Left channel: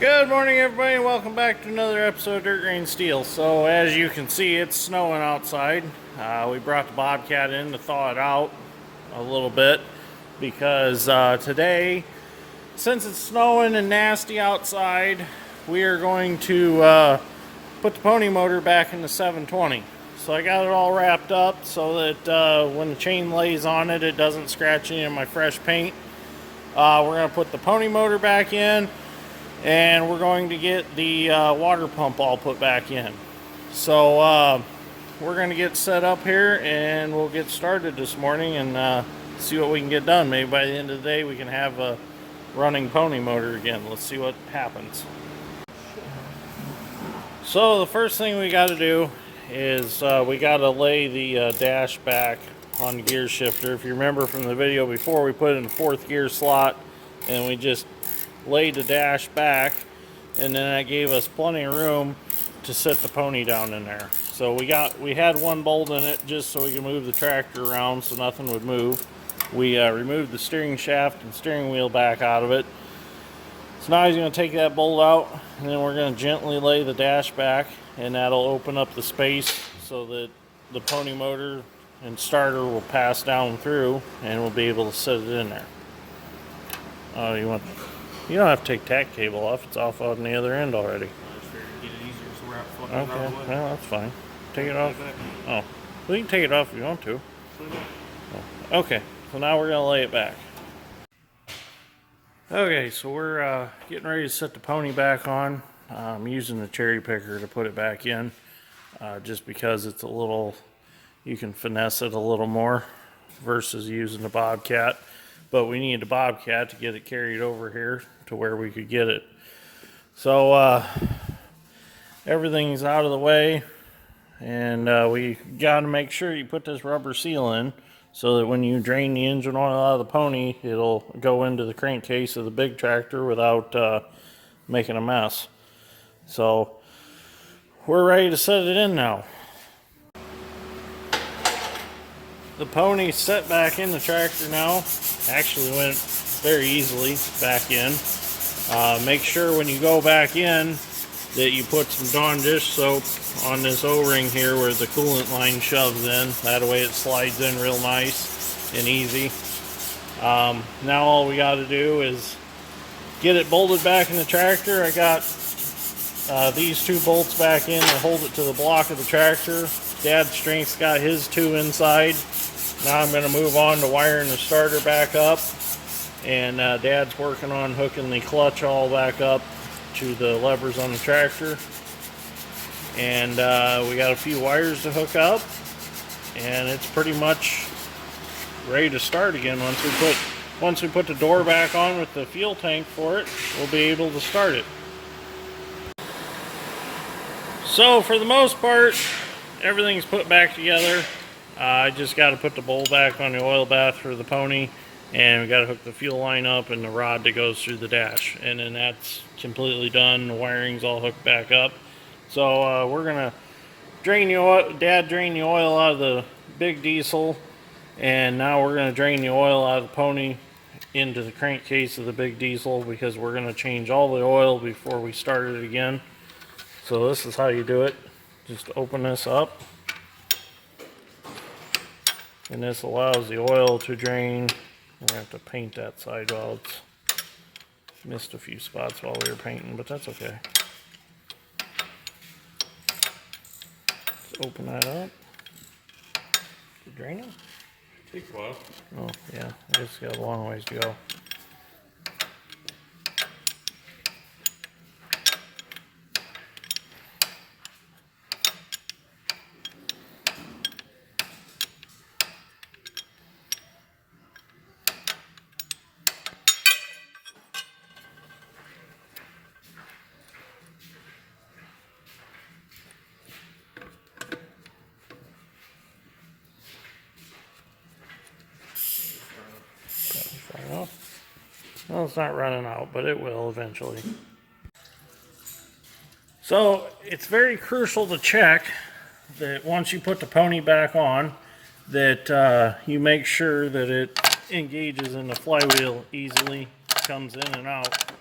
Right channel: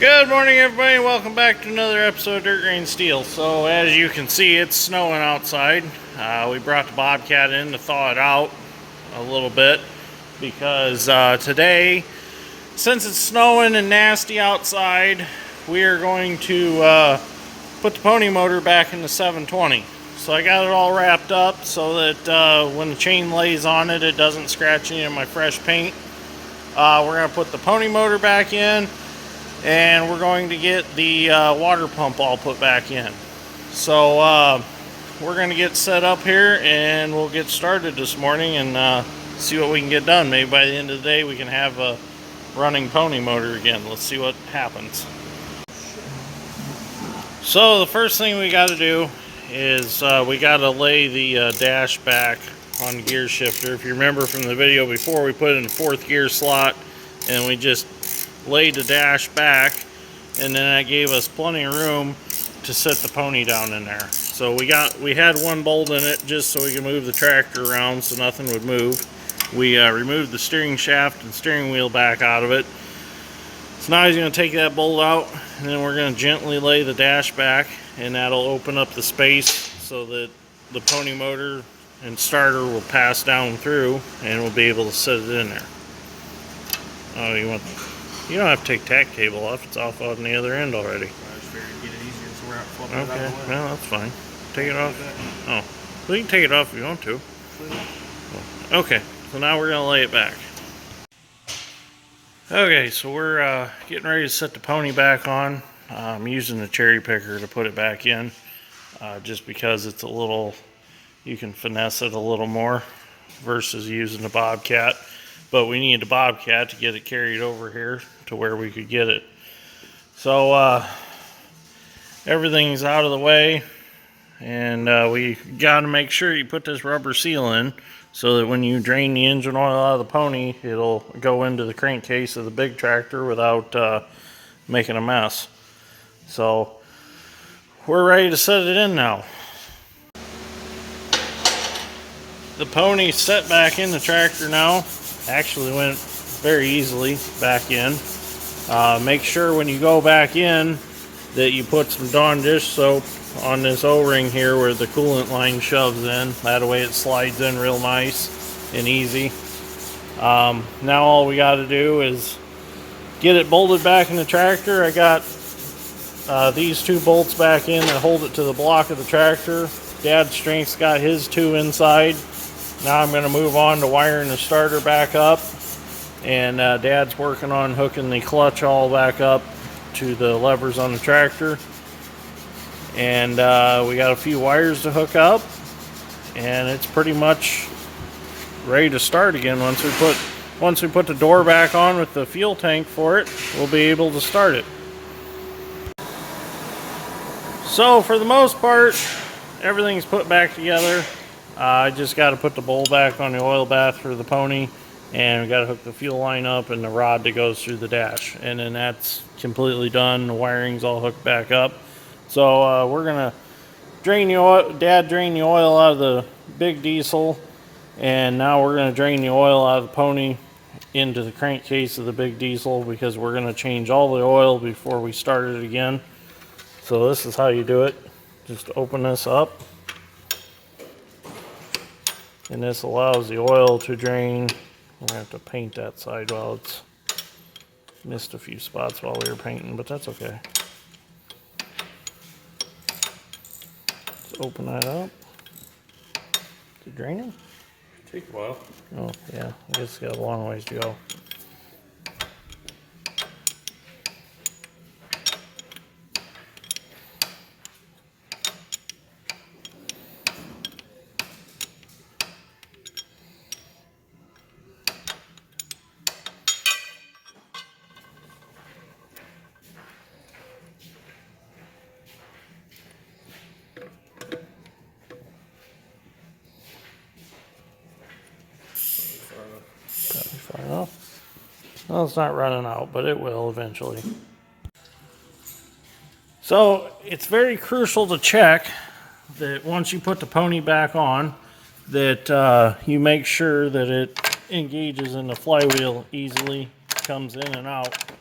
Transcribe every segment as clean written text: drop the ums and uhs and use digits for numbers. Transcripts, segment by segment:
Good morning, everybody, and welcome back to another episode of Dirt Grain Steel. So, as you can see, it's snowing outside. We brought the Bobcat in to thaw it out a little bit because today, since it's snowing and nasty outside, we are going to put the pony motor back in the 720. So I got it all wrapped up so that when the chain lays on it, it doesn't scratch any of my fresh paint. We're going to put the pony motor back in. And we're going to get the water pump all put back in. So we're going to get set up here and we'll get started this morning and see what we can get done. Maybe by the end of the day we can have a running pony motor again. Let's see what happens. So the first thing we got to do is we got to lay the dash back on the gear shifter. If you remember from the video before, we put it in the fourth gear slot and we just laid the dash back, and then that gave us plenty of room to set the pony down in there. So we had one bolt in it just so we could move the tractor around so nothing would move. We removed the steering shaft and steering wheel back out of it. So now he's going to take that bolt out, and then we're going to gently lay the dash back, and that'll open up the space so that the pony motor and starter will pass down through and we'll be able to set it in there. Oh, you don't have to take tack cable off. It's off on the other end already. I just figured to get it easier so we're not flipping it out Okay, of the way. well, that's fine. Take it off. Oh, well, you can take it off if you want to. Okay, so now we're going to lay it back. Okay, so we're getting ready to set the pony back on. I'm using the cherry picker to put it back in just because it's a little, you can finesse it a little more versus using the Bobcat. But we need the Bobcat to get it carried over here to where we could get it. So everything's out of the way, and we got to make sure you put this rubber seal in so that when you drain the engine oil out of the pony, it'll go into the crankcase of the big tractor without making a mess. So we're ready to set it in now. The pony's set back in the tractor now. Actually went very easily back in. Make sure when you go back in that you put some Dawn dish soap on this O-ring here where the coolant line shoves in. That way it slides in real nice and easy. Now all we got to do is get it bolted back in the tractor. I got these two bolts back in that hold it to the block of the tractor. Dad's strength's got his two inside. Now I'm going to move on to wiring the starter back up, and Dad's working on hooking the clutch all back up to the levers on the tractor. And we got a few wires to hook up, and it's pretty much ready to start again. Once we put the door back on with the fuel tank for it, we'll be able to start it. So for the most part, everything's put back together. I just got to put the bowl back on the oil bath for the pony, and we got to hook the fuel line up and the rod that goes through the dash, and then that's completely done. The wiring's all hooked back up. So we're gonna drain the oil. Dad drained the oil out of the big diesel, and now we're gonna drain the oil out of the pony into the crankcase of the big diesel because we're gonna change all the oil before we start it again. So this is how you do it. Just open this up. And this allows the oil to drain. We're going to have to paint that side while it's missed a few spots while we were painting, but that's okay. Let's open that up. Is it draining? Take a while. Oh, yeah. It's got a long ways to go. Well, it's not running out, but it will eventually. So it's very crucial to check that once you put the pony back on, that you make sure that it engages in the flywheel easily, comes in and out.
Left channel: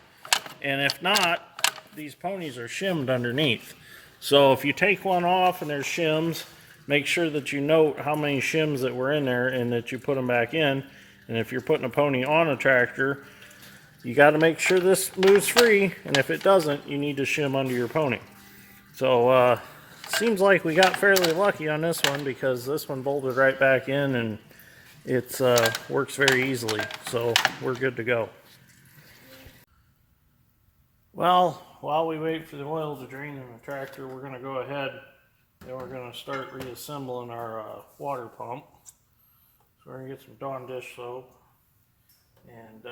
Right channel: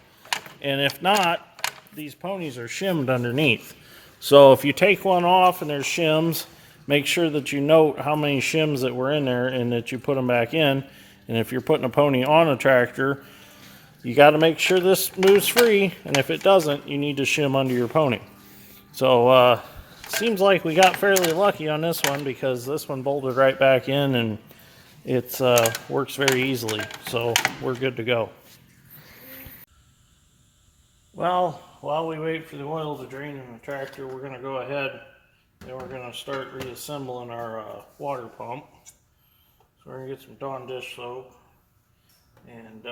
And if not, these ponies are shimmed underneath. So if you take one off and there's shims, make sure that you note how many shims that were in there and that you put them back in. And if you're putting a pony on a tractor, you got to make sure this moves free, and if it doesn't, you need to shim under your pony. So seems like we got fairly lucky on this one, because this one bolted right back in and it works very easily. So we're good to go. Well, while we wait for the oil to drain in the tractor, we're going to go ahead and we're going to start reassembling our water pump. So we're going to get some Dawn dish soap and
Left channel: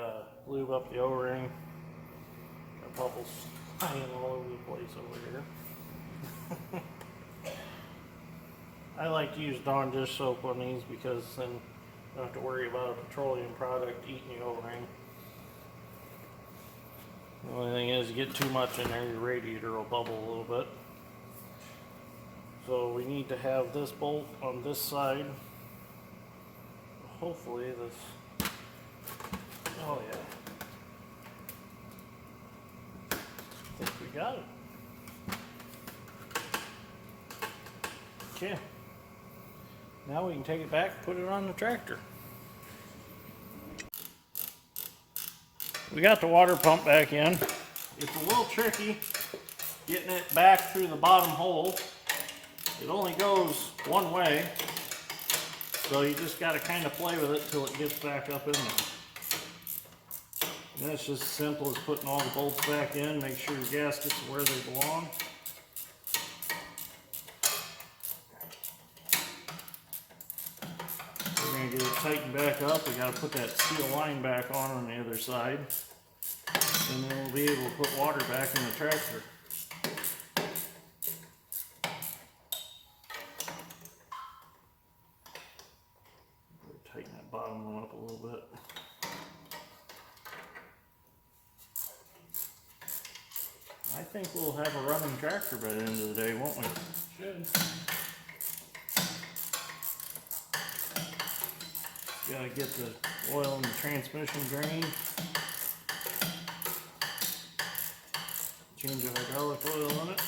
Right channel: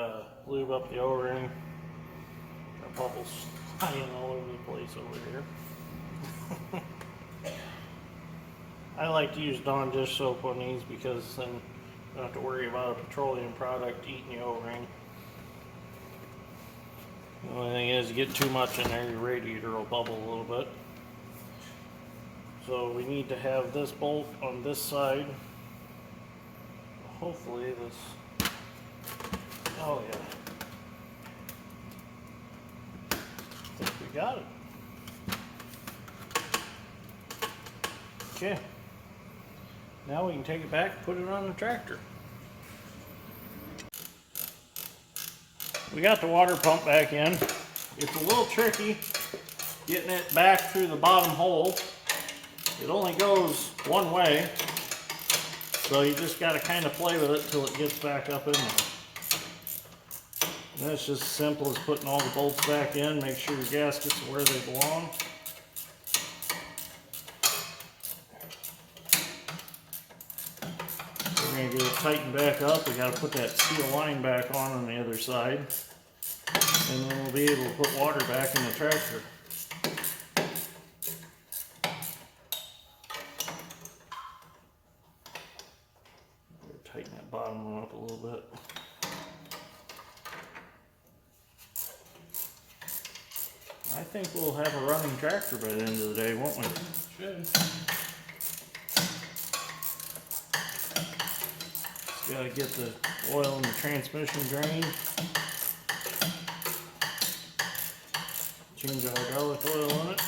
lube up the O-ring. Got bubbles flying all over the place over here. I like to use Dawn dish soap on these, because then you don't have to worry about a petroleum product eating the O-ring. The only thing is, you get too much in there, your radiator will bubble a little bit. So we need to have this bolt on this side. Hopefully this, oh yeah, I think we got it. Okay, now we can take it back and put it on the tractor. We got the water pump back in. It's a little tricky getting it back through the bottom hole. It only goes one way, so you just got to kind of play with it till it gets back up in there. And that's just as simple as putting all the bolts back in. Make sure your gaskets are where they belong. We're going to get it tightened back up. We got to put that steel line back on the other side, and then we'll be able to put water back in the tractor. Tighten that bottom one up a little bit. I think we'll have a running tractor by the end of the day, won't we? Should. Gotta get the oil in the transmission drained. Change the hydraulic oil in it.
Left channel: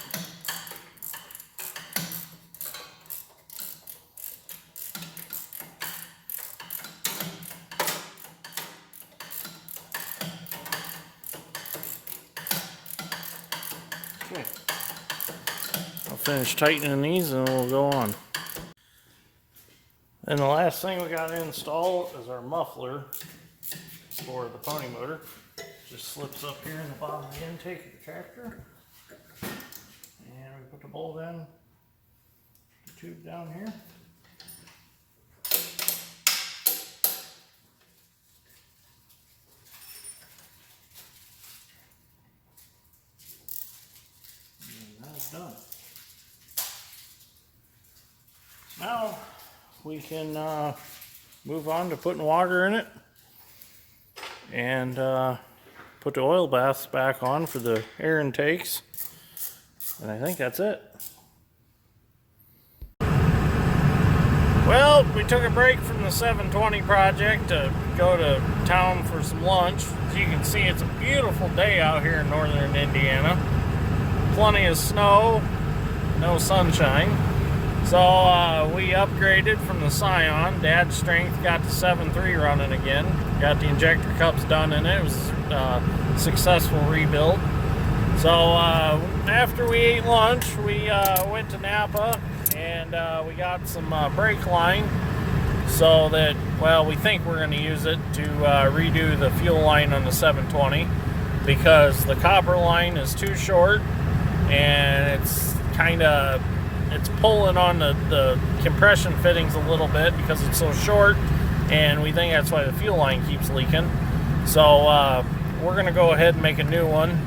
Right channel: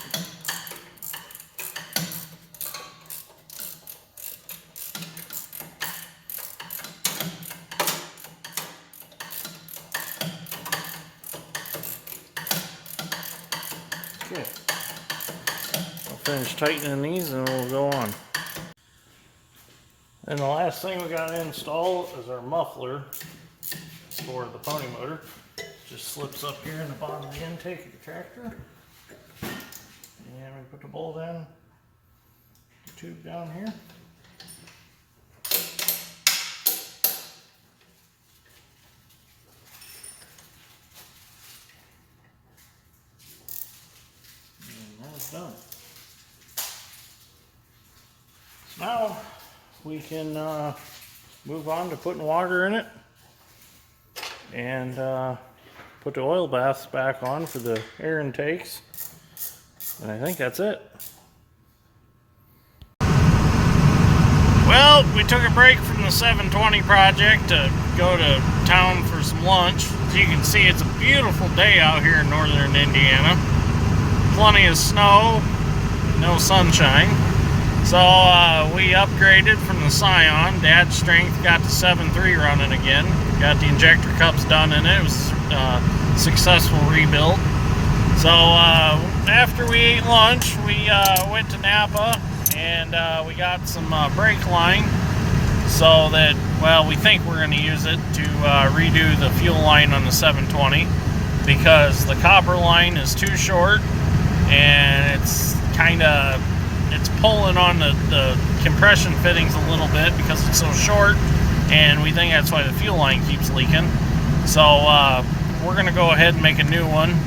Okay, I'll finish tightening these and we'll go on. And the last thing we got to install is our muffler for the pony motor. Just slips up here in the bottom of the intake of the tractor. And we put the bolt in, the tube down here. Done. Now we can move on to putting water in it and put the oil baths back on for the air intakes, and I think that's it. Well, we took a break from the 720 project to go to town for some lunch. As you can see, it's a beautiful day out here in northern Indiana. Plenty of snow, no sunshine. So we upgraded from the Scion. Dad's strength got the 7.3 running again. Got the injector cups done in it. It was a successful rebuild. So after we ate lunch, we went to Napa and we got some brake line, so that, well, we think we're going to use it to redo the fuel line on the 720, because the copper line is too short and it's pulling on the compression fittings a little bit because it's so short, and we think that's why the fuel line keeps leaking. So we're going to go ahead and make a new one.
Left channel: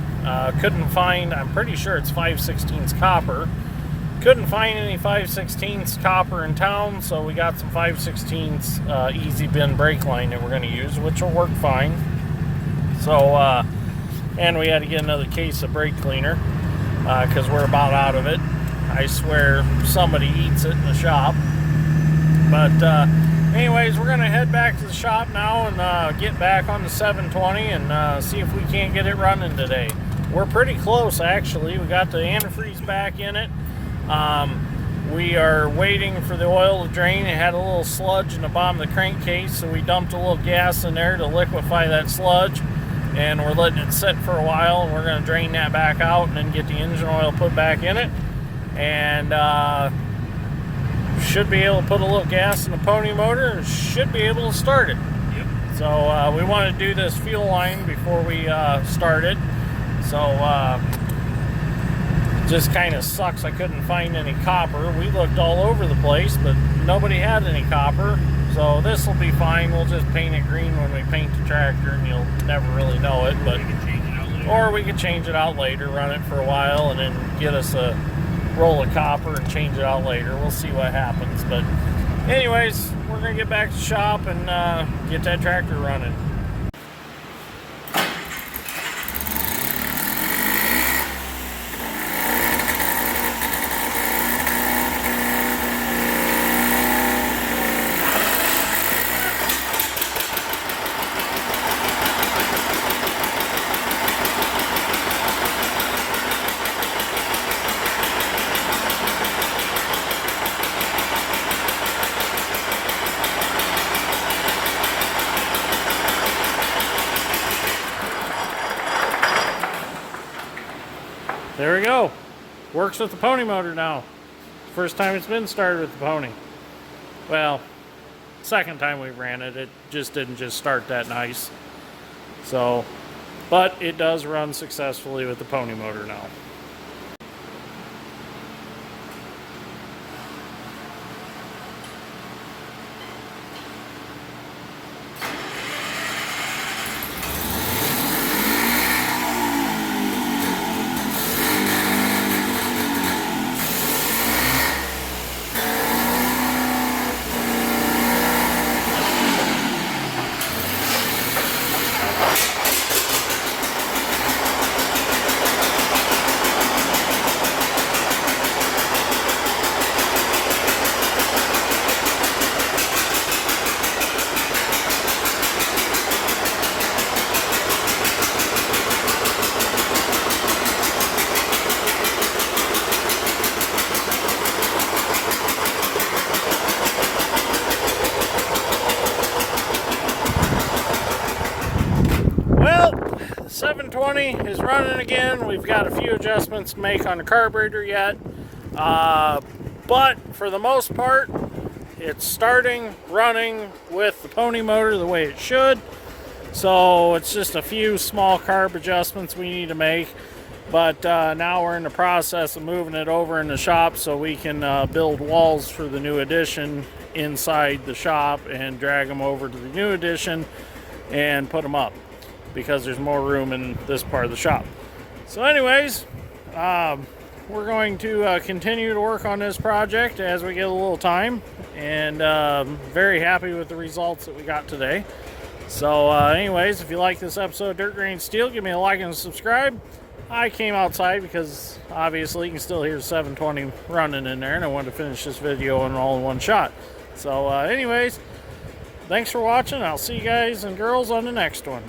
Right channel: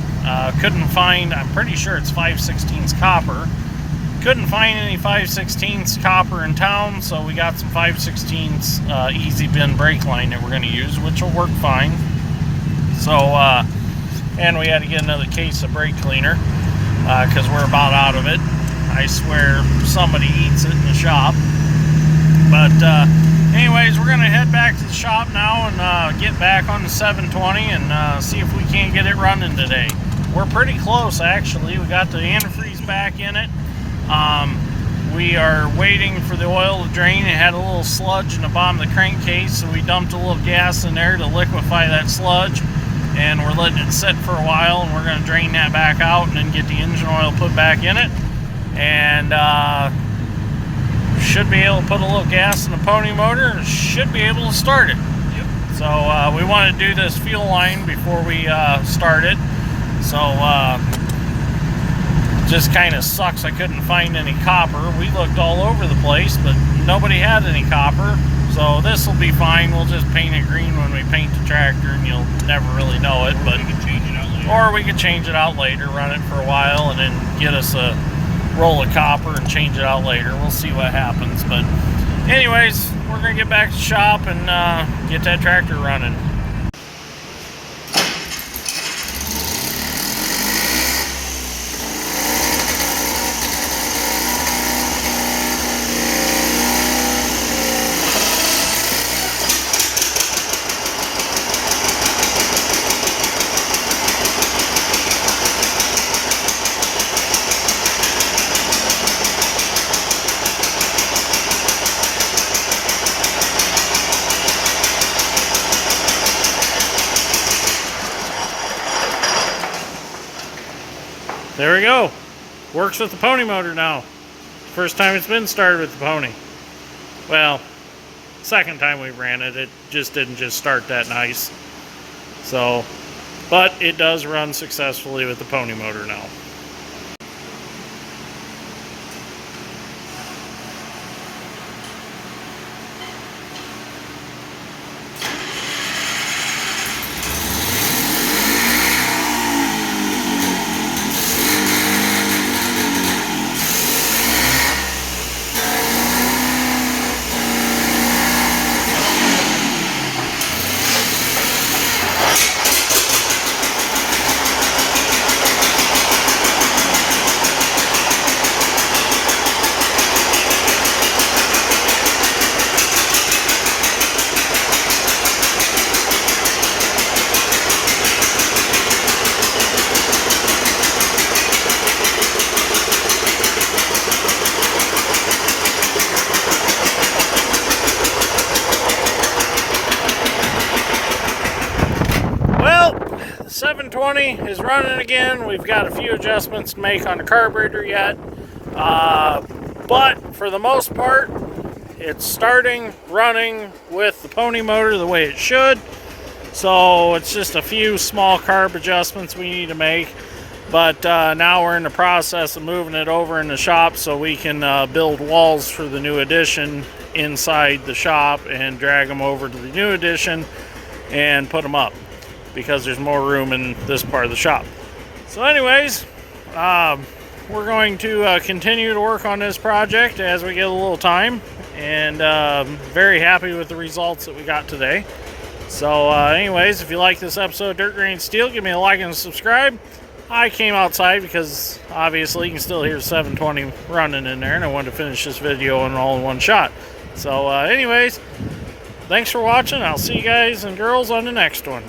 Couldn't find, I'm pretty sure it's 5/16 copper. Couldn't find any 5/16 copper in town, so we got some 5/16 easy bin brake line that we're going to use, which will work fine. So, and we had to get another case of brake cleaner, because we're about out of it. I swear somebody eats it in the shop. But anyways, we're going to head back to the shop now and get back on the 720 and see if we can't get it running today. we're pretty close actually. We got the antifreeze back in it. We are waiting for the oil to drain. It had a little sludge in the bottom of the crankcase, so we dumped a little gas in there to liquefy that sludge, and we're letting it sit for a while, and we're going to drain that back out and then get the engine oil put back in it, and should be able to put a little gas in the pony motor and should be able to start it. Yep. So we want to do this fuel line before we start it. So just kind of sucks I couldn't find any copper. We looked all over the place, but nobody had any copper. So this will be fine. We'll just paint it green when we paint the tractor, and you'll never really know it. But we could change it out later, run it for a while, and then get us a roll of copper and change it out later. We'll see what happens. But anyways, we're gonna get back to the shop and get that tractor running. There we go. Works with the pony motor now. First time it's been started with the pony. Well, second time we ran it, it just didn't just start that nice. So, but it does run successfully with the pony motor now. Well, 720 is running again. We've got a few adjustments to make on the carburetor yet. But for the most part, it's starting running with the pony motor the way it should. So it's just a few small carb adjustments we need to make. But now we're in the process of moving it over in the shop so we can build walls for the new addition inside the shop and drag them over to the new addition and put them up, because there's more room in this part of the shop. So anyways, we're going to continue to work on this project as we get a little time, and very happy with the results that we got today. So anyways, if you like this episode of Dirt Grain Steel, give me a like and subscribe. I came outside because obviously you can still hear 720 running in there, and I wanted to finish this video all in one shot. So anyways, thanks for watching. I'll see you guys and girls on the next one.